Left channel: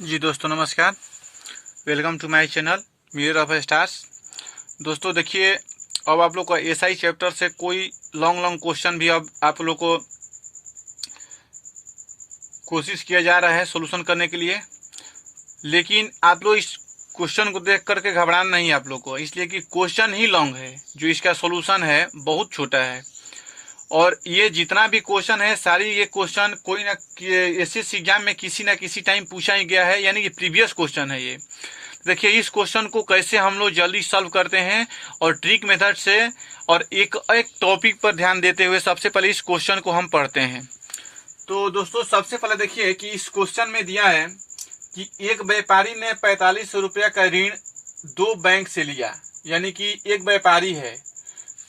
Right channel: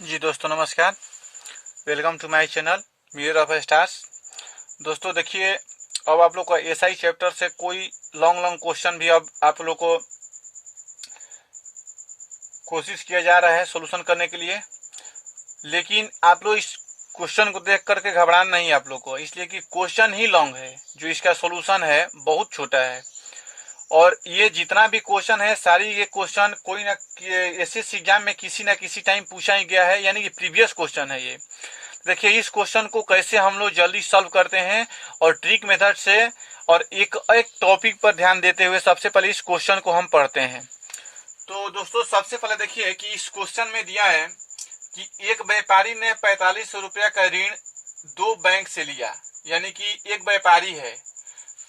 जी दोस्तों नमस्कार। Welcome to my channel Mirror of Stars. दोस्तों देखिए, अब आप लोग को एसआई चैप्टर से कोई लॉन्ग क्वेश्चन भी अब आप लोग को कोशिश किया जा रहा है सॉल्यूशन करने के लिए, लेकिन आप लोग इस क्वेश्चन को देख करके घबराना नहीं है आप लोग को, इसलिए कि क्वेश्चन ही लॉन्ग है, जो इसका सॉल्यूशन है बहुत छोटा है। और ये जितना भी क्वेश्चन है सारी ये क्वेश्चन कोई ना एसएससी एग्जाम में किसी ना किसी टाइम पूछा ही गया है, यानी कि प्रीवियस क्वेश्चन है ये। देखिए इस क्वेश्चन को कैसे हम लोग जल्दी सॉल्व करते हैं और ट्रिक मेथड से, और एक एक टॉपिक पर ध्यान देते हुए सबसे पहले इस क्वेश्चन को हम पढ़ते हैं। तो दोस्तों सबसे पहले देखिए कि इस क्वेश्चन में दिया है कि एक व्यापारी ने 4500 रुपया का ऋण दो बैंक से लिया, यानी कि एक व्यापारी है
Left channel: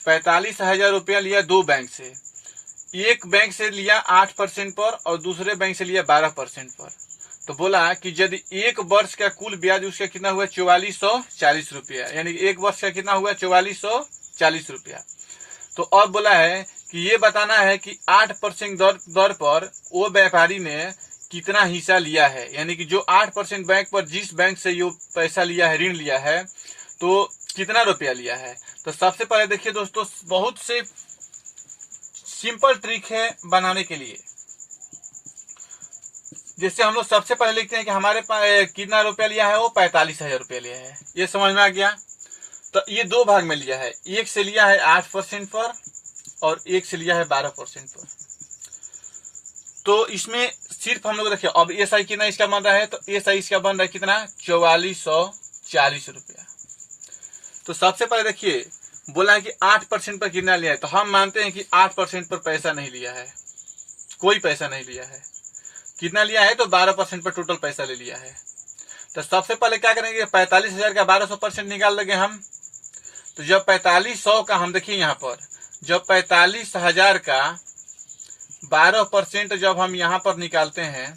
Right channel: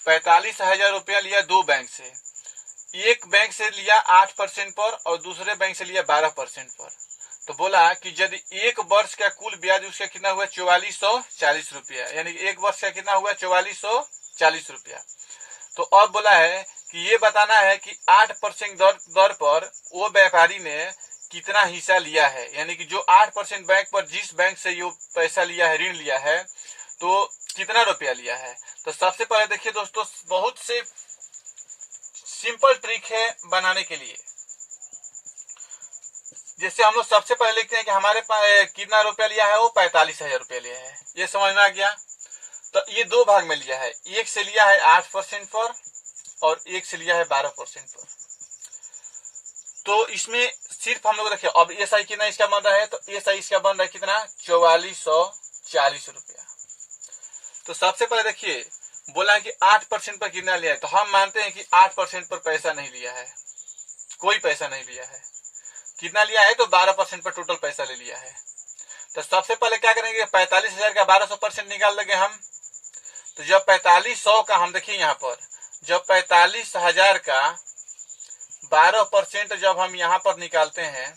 45,000 रुपया लिया दो बैंक से। एक बैंक से लिया 8% पर और दूसरे बैंक से लिया 12% पर। तो बोला कि यदि एक वर्ष का कुल ब्याज उसका कितना हुआ 4440 रुपया, यानी एक वर्ष का कितना हुआ 4440 रुपया। तो अब बोला है कि ये बताना है कि 8% दर पर वो व्यापारी ने कितना हिस्सा लिया है, यानी कि जो 8% बैंक पर जिस बैंक से ये पैसा लिया है, ऋण लिया है, तो कितना रुपया लिया है। तो सबसे पहले देखिए दोस्तों, बहुत से सिंपल ट्रिक है बनाने के लिए। जैसे हम लोग सबसे पहले लिखते हैं कि हमारे पास कितना रुपया लिया है, वो 45,000 रुपया लिया है। ये समझ में आ गया। तो ये दो भाग में लिया है, एक से लिया है 8% पर और एक से लिया है 12% पर। तो इसमें सिर्फ हम लोग देखिए, अब एसआई कितना इसका बन रहा है, तो एसआई इसका बन रहा है कितना 4440 रुपया। तो सबसे पहले देखिए बोला है कि 8% पर कितना लिया है, तो हम मानते हैं कि 8% पर पैसा नहीं लिया है, कोई पैसा नहीं लिया है। कितना लिया है तो 12% पर टोटल पैसा ले लिया है। तो सबसे पहले क्या करेंगे, 45,000 का 1200% निकाल लेंगे हम। तो जब 4500 का हम देखिए यहाँ पर, जब 45,000 का 12% जब हम यहाँ पर निकालते हैं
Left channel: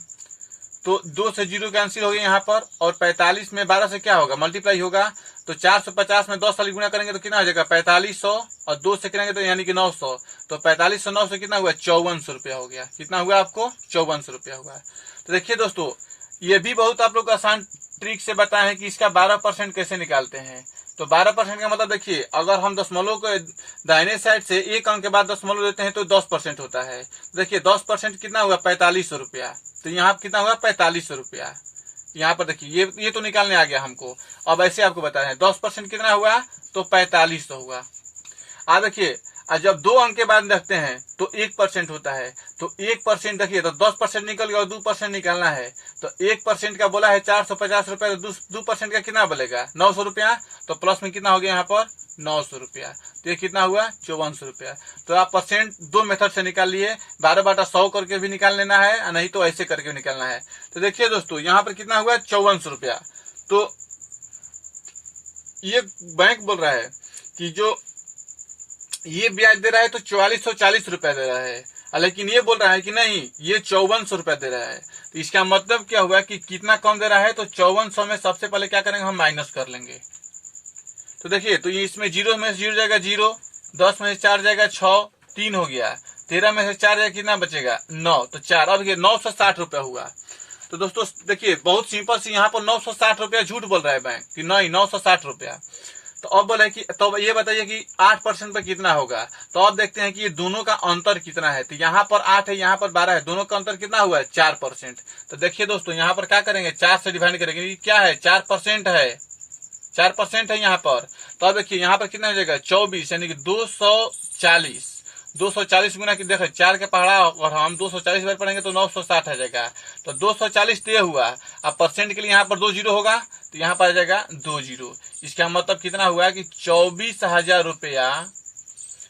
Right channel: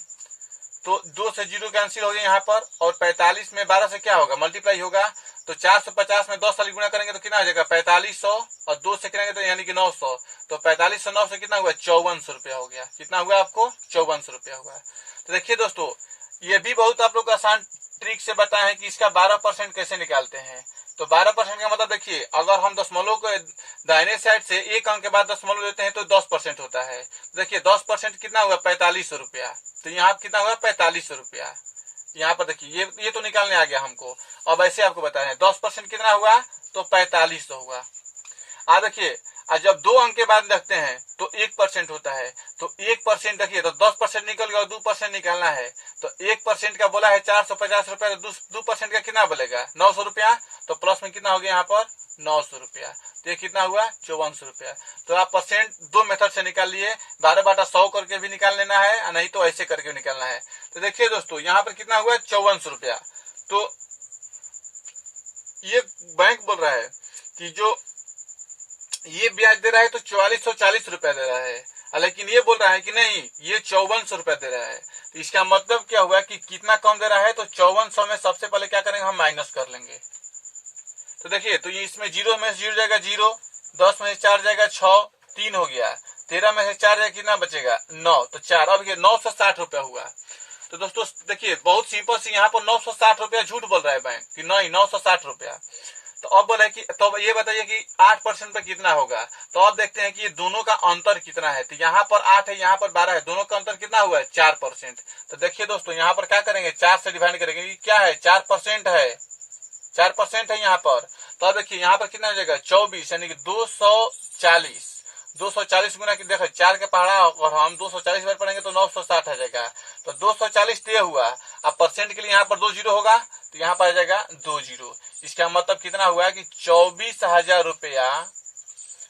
तो 2 से 0 कैंसिल हो गया यहाँ पर, और 45 में 12 से क्या होगा मल्टीप्लाई होगा। तो 450 में 10 वाली गुना करेंगे तो कितना हो जाएगा 4500, और 2 से करेंगे तो यानी कि 900। तो 4500 9 से कितना हुआ 5400 रुपया हो गया। कितना हुआ आपको 5400 रुपया हुआ। तो देखिए दोस्तों, ये भी बहुत आप लोग आसान ट्रिक से बताए हैं कि इसका 12% कैसे निकालते हैं। तो 12% का मतलब देखिए, अगर हम दशमलव को दाहिने साइड से एक अंक के बाद दशमलव देते हैं तो 10% होता है। देखिए 10% कितना हुआ 4500 रुपया। तो यहाँ कितना हुआ 4500 रुपया। यहाँ पर देखिए ये तो निकालने आ गया हमको। अब ऐसे आपको बता रहे हैं 10% कितना हुआ तो 4500 हुआ। अब देखिए जब दो अंक के बाद रखते हैं तो 1% होता है। तो 1% देखिए तो 10% निकल गया और 2% निकालना है। तो 1% का बोला है 450 रुपया, तो 2% का कितना बोलेगा 900 रुपया। तो प्लस में कितना हो गया यहाँ पर 900 रुपया। तो ये कितना हुआ 5400 रुपया। तो आप परसेंट दो मेथड से निकाल लिए, 12/100 करके भी निकाल लेना है, नहीं तो ऐसे करके निकालना है। तो देखिए दोस्तों यहाँ पर कितना हुआ 5400 रुपया। तो ये बैंक बोल रहा है कि जो ये ब्याज दे रहा है तो 4440 रुपया दे रहा है, लेकिन ये बोल रहा है कि नहीं ये 5400 रुपया दे रहा है। तो इसका मतलब क्या हुआ कि कितना कम दे रहा है, तो 5400 में सबसे पहले क्या करेंगे हम माइनस कर लेंगे। तो देखिए तो इसमें 0 में से 0 जाएगा 0, 10 में से 4 जाएगा 6, 3 हो गया, 13 में से 4 जाएगा कितना बचेगा 9, तो 4। अब ये 960 रुपया हुआ। तो दोस्तों देखिए बहुत सिंपल सी, यहाँ पर 960 रुपया झूठ बोल रहा है बैंक कि नहीं 960 रुपया। तो अब बोले कि तो ये बताइए कि 8% पर कितना होगा। तो अब देखते हैं कि ये दोनों का अंतर कितना है। तो यहाँ पर 8 है, यहाँ पर 12 है, दोनों का अंतर कितना हुआ है 4%। तो देखिए दोस्तों यहाँ पर क्या करेंगे 4 से डिवाइड करेंगे। ये क्या है 4% है, 4% है यहाँ पर। तो अब देखिए यहाँ पर कितना हो जाएगा 24, यानी कि 240। 240 गुना की देखो 4 के पहाड़ा और हम 240 बार पढ़ेंगे तो 960 आ जाएगा। तो 240 तय हुआ। अब परसेंट के लिए यहाँ पर 2 जीरो होगा, तो यहाँ पर आ जाएगा 2 जीरो। इसका मतलब कितना हुआ कि 24,000 रुपया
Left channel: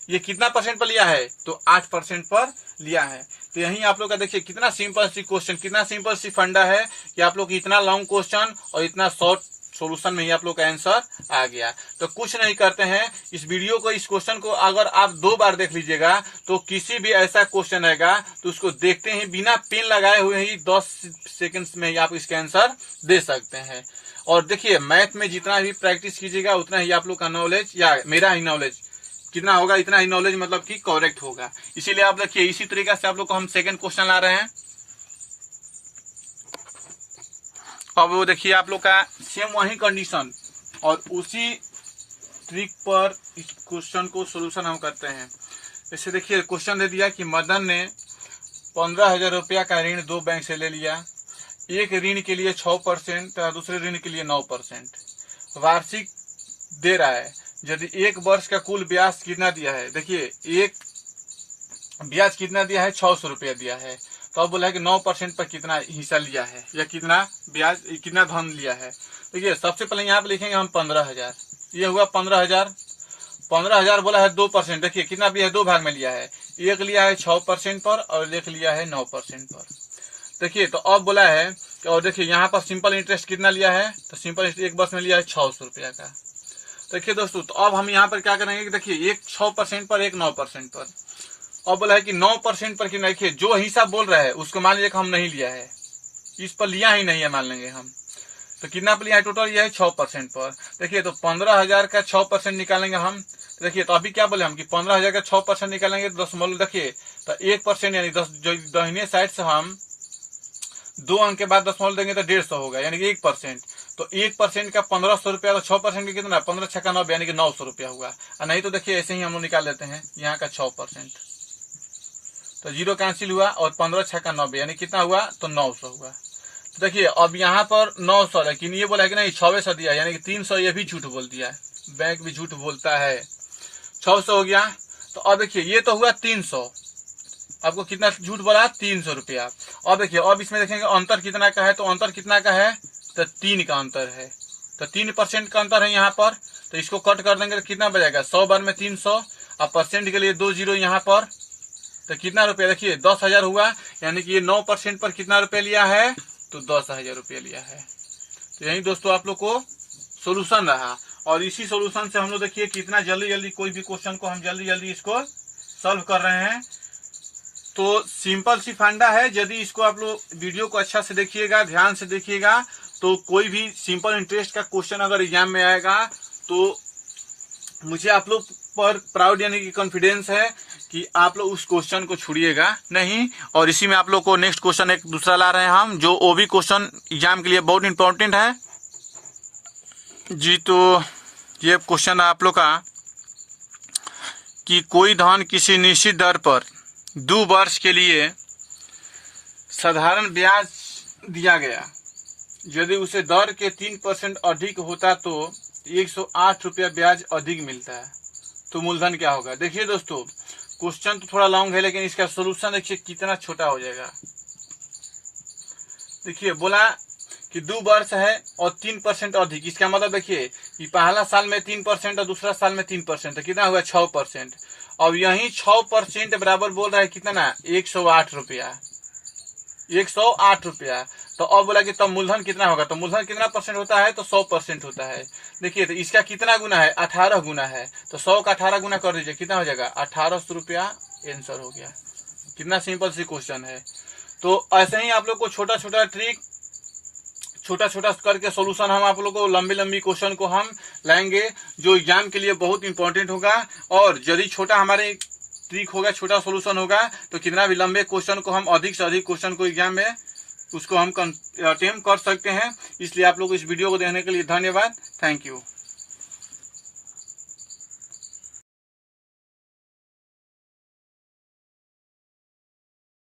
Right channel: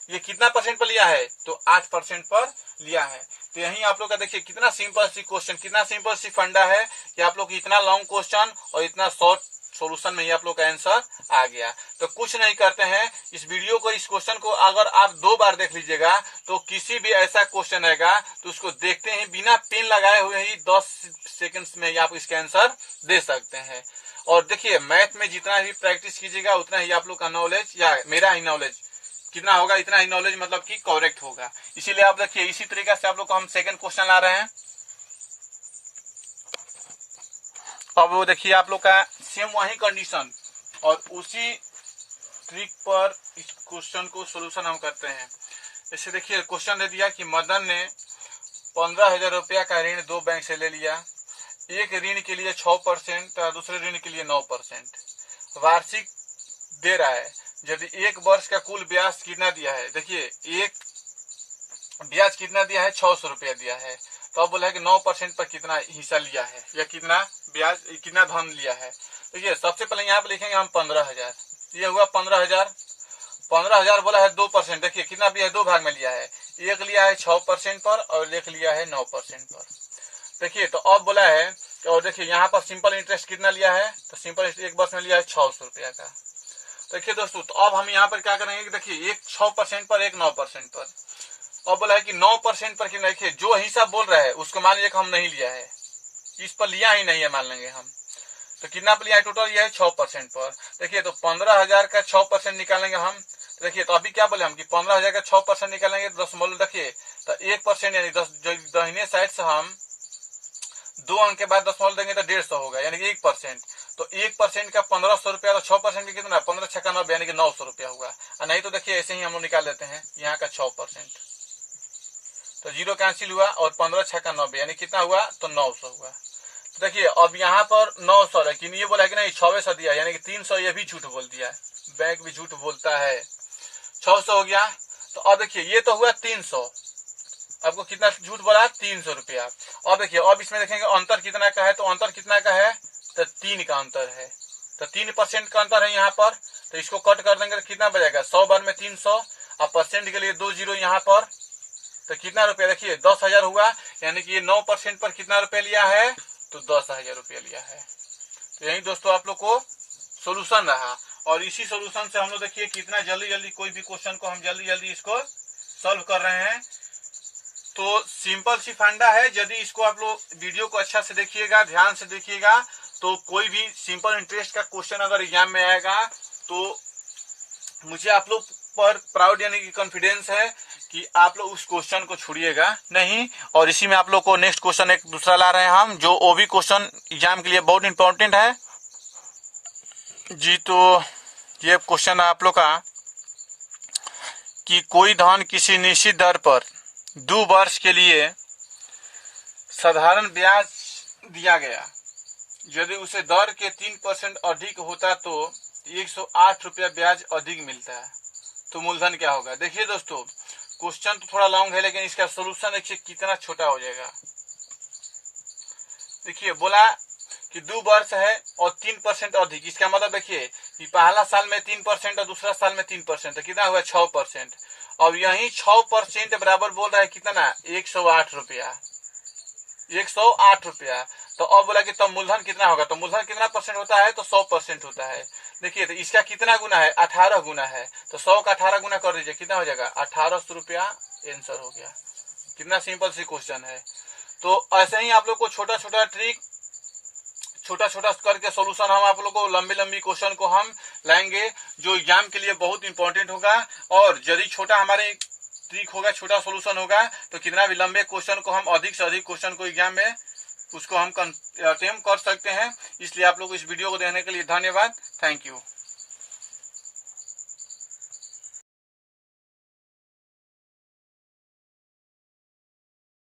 ये कितना परसेंट पर लिया है, तो 8% पर लिया है। तो यही आप लोग का देखिए कितना सिंपल सी क्वेश्चन, कितना सिंपल सी फंडा है कि आप लोग इतना लॉन्ग क्वेश्चन और इतना शॉर्ट सॉल्यूशन में ही आप लोग का आंसर आ गया। तो कुछ नहीं करते हैं, इस वीडियो को, इस क्वेश्चन को अगर आप 2 बार देख लीजिएगा तो किसी भी ऐसा क्वेश्चन आएगा तो उसको देखते हैं बिना पेन लगाए हुए ही 10 सेकंड्स में ही आप इसका आंसर दे सकते हैं। और देखिए मैथ में जितना भी प्रैक्टिस कीजिएगा उतना ही आप लोग का नॉलेज, या मेरा ही नॉलेज कितना होगा, इतना ही नॉलेज मतलब कि करेक्ट होगा। इसीलिए आप देखिए इसी तरीके से आप लोग को हम सेकंड क्वेश्चन ला रहे हैं। अब वो देखिए आप लोग का सेम वही कंडीशन और उसी ट्रिक पर इस क्वेश्चन को सोल्यूशन हम करते हैं। इसे देखिए क्वेश्चन दे दिया कि मदन ने 15,000 रुपया का ऋण 2 बैंक से ले लिया। एक ऋण के लिए 6% तथा दूसरे ऋण के लिए 9%। वार्षिक दे रहा है। यदि एक वर्ष का कुल ब्याज कितना दिया है, देखिए एक ब्याज कितना दिया है, 600 रुपया दिया है। तो अब बोला है कि 9% पर कितना हिस्सा लिया है या कितना ब्याज कितना धन लिया है। देखिए सबसे पहले यहाँ पे लिखेंगे हम 15,000। ये हुआ 15,000। 15,000 बोला है 2%। देखिए कितना भी है, 2 भाग में लिया है। एक लिया है 6% पर और एक लिया है 9% पर। देखिए तो अब बोला है और देखिए यहाँ पर सिंपल इंटरेस्ट कितना लिया है, तो सिंपल इंटरेस्ट एक वर्ष में लिया है 600 रुपया का। देखिए दोस्तों तो अब हम यहाँ पर क्या करेंगे कि देखिए एक 6% पर एक 9% पर। अब बोला है कि 9% पर कितना, देखिए जो हिस्सा बोल रहा है उसको मान लीजिए हम नहीं लिया है, इस पर लिया ही नहीं है मान लेंगे हम। तो कितना पर लिया है टोटल, यह है 6% पर। देखिए तो 15,000 का 6% निकालेंगे हम। देखिए तो अभी क्या बोले हम कि 15,000 का 6% निकालेंगे तो 10 मोल। देखिए तो 1% यानी 10 दाहिने साइड से हम 2 अंक के बाद 10 मोल देंगे तो 150 होगा यानी कि 1%। तो 1% का 1500 रुपया, तो 6% का कितना, 15 छक्का 9 यानी कि 900 रुपया हुआ। और नहीं तो देखिए ऐसे ही हम लोग निकाल लेते हैं यहाँ का 6%। तो 0 कैंसिल हुआ और 15 छक्का 9 यानी कितना हुआ, तो 900 हुआ। तो देखिए अब यहाँ पर 900, लेकिन ये बोला कि नहीं 600 दिया यानी कि 300, ये भी झूठ बोल दिया। बैंक भी झूठ बोलता है। 600 हो गया। तो अब देखिए ये तो हुआ 300, आपको कितना झूठ बोला, 300 रुपया। अब देखिए अब इसमें देखेंगे अंतर कितना का है, तो अंतर कितना का है, तो 3 का अंतर है। तो 3% का अंतर है यहाँ पर। तो इसको कट कर देंगे तो कितना बचेगा, 100 बार में 300 और परसेंट के लिए 2 जीरो यहाँ पर। तो कितना रुपया, देखिए 10,000 हुआ यानी कि ये 9% पर कितना रुपया लिया है, तो 10,000 रुपया लिया है। तो यही दोस्तों आप लोग को सोल्यूशन रहा और इसी सोल्यूशन से हम लोग देखिए कितना जल्दी जल्दी कोई भी क्वेश्चन को हम जल्दी जल्दी इसको सॉल्व कर रहे हैं। तो सिंपल सी फंडा है। यदि इसको आप लोग वीडियो को अच्छा से देखिएगा, ध्यान से देखिएगा, तो कोई भी सिंपल इंटरेस्ट का क्वेश्चन अगर एग्जाम में आएगा तो मुझे आप लोग पर प्राउड यानी कि कॉन्फिडेंस है कि आप लोग उस क्वेश्चन को छोड़िएगा नहीं। और इसी में आप लोग को नेक्स्ट क्वेश्चन एक दूसरा ला रहे हैं हम, जो वो भी क्वेश्चन एग्जाम के लिए बहुत इंपॉर्टेंट है जी। तो ये क्वेश्चन है आप लोग का कि कोई धन किसी निश्चित दर पर 2 वर्ष के लिए साधारण ब्याज दिया गया। यदि उसे दर के 3% अधिक होता तो 108 रुपया ब्याज अधिक मिलता है। तो मूलधन क्या होगा। देखिए दोस्तों क्वेश्चन तो थोड़ा लॉन्ग है लेकिन इसका सोल्यूशन देखिए कितना छोटा हो जाएगा। देखिए बोला कि 2 वर्ष है और 3% अधिक, इसका मतलब देखिए कि पहला साल में 3% और दूसरा साल में 3%, तो कितना हुआ 6%। अब यही 6% बराबर बोल रहा है कितना, 108 रुपया। 108 रुपया। तो अब बोला कि तब मूलधन कितना होगा, तो मूलधन कितना परसेंट होता है, तो 100% होता है। देखिए तो इसका कितना गुना है, 18 गुना है। तो 100 का 18 गुना कर दीजिए, कितना हो जाएगा, 1800 रुपया आंसर हो गया। कितना सिंपल सी क्वेश्चन है। तो ऐसे ही आप लोग को छोटा छोटा ट्रिक, छोटा छोटा करके सोल्यूशन हम आप लोग को लंबी लंबी क्वेश्चन को हम लाएंगे जो एग्जाम के लिए बहुत इंपॉर्टेंट होगा। और यदि छोटा हमारे ट्रिक होगा, छोटा सोल्यूशन होगा, तो कितना भी लंबे क्वेश्चन को हम अधिक से अधिक क्वेश्चन को एग्जाम में उसको हम अटेम्प्ट कर सकते हैं। इसलिए आप लोग इस वीडियो को देखने के लिए धन्यवाद। Thank you.